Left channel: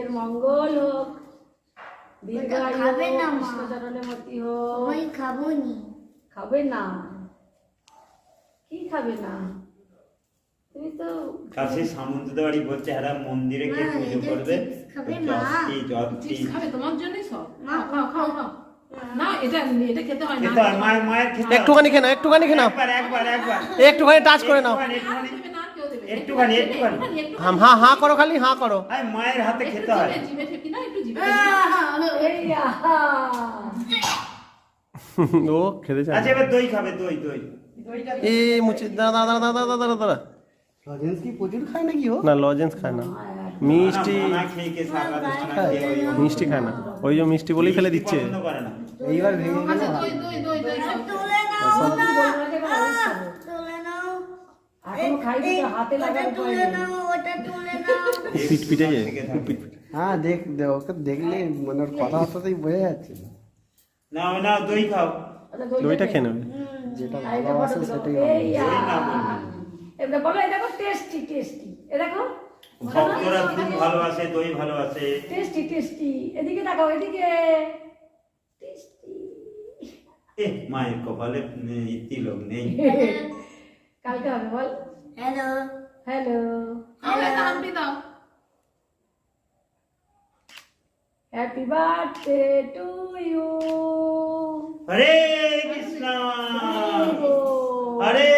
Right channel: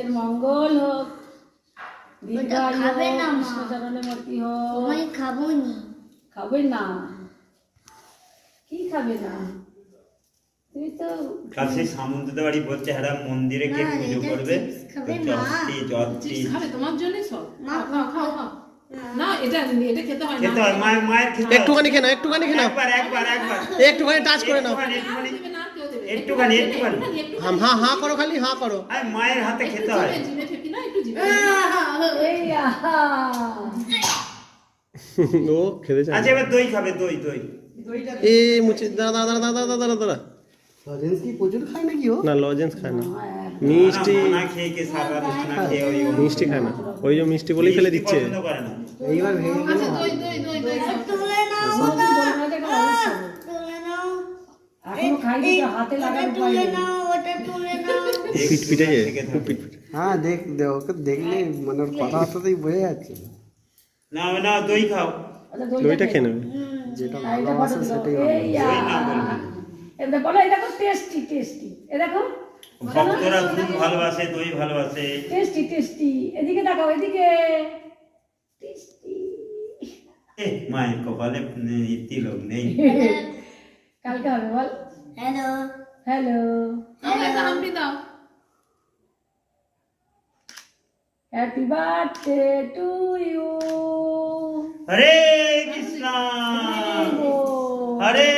এর মঙ্গল হোক, দীর্ঘায়ু হোক, কৃষ্ণচরণে মতি হোক। ওই খাবো নি। খাবে না? কি খাবে না? তুমি তো কাছে সামন্তদের বাড়ি বলছে হ্যাঁ মন্দিরে কে পুজো করবে, খাবে তোমার জন্য সব। খাও খাও খাও। না এটা এটা খেতে হয় না। মায়ের খেতে একটুখানি খেয়ে নাও, একটুখানি খেয়ে নাও, একবার একটুখানি টাচ করে নাও। একটুখানি হ্যাঁ হ্যাঁ করো, খালি হ্যাঁ করো। মায়ের হাতে খেতে হয়। জিভে ঠেকি না একটু জিভে। এই আহা ও খেতে চায়। আচ্ছা এবার দই খাবে, দই দই এই মুচি দাঁড়া দাঁড়া দাঁড়া দাঁড়া দাঁড়া দাঁড়া। লজেন্স কি প্রচুর খায় নাকি ও? না লজেন্স খায় না, মিষ্টি না খেয়ে কে সারা দিন না খেয়ে ওই মিষ্টি খায় না, ওই যে মিষ্টি বলেই ফেলে দিচ্ছে। পছন্দ করে না। এইবার ভেঙে গেলে আচ্ছা দই দই দই দই খাও। তুলে নাও বলবো না যে এটা অবস্থা হবে। তুলে নাও এখন খাই দিতে হাতে লাগার উপায় তুলে নেই। নাও ওটা তুলে নাও। পিট পিটে যায়, খুব পিট পিটে। হ্যাঁ ওকে দেখলে মানে ওর কথাবার্তাতেই বোঝা যাচ্ছে না না দই খাও। আচ্ছা দইটা খেয়ে নেবে। যেটা আর এটা ভালোবাসে ফটো সেটাই দিলো। এই দই না বলবি। এটা বলো, এটা দেখো টেস্টি টেস্টি। এ দেখো ভক্তরা খুব ভালোবাসে, দই ভালোবাসে। Tasty tasty. এদিকে দেখাও, এদিকে টেস্টি। মায়ের কপালে তিলক নেই। কালকে হবে বল। হ্যালো হ্যালো, খাও একটা হাম্পি দাও। Happy birthday to you. Hare Krishna Hare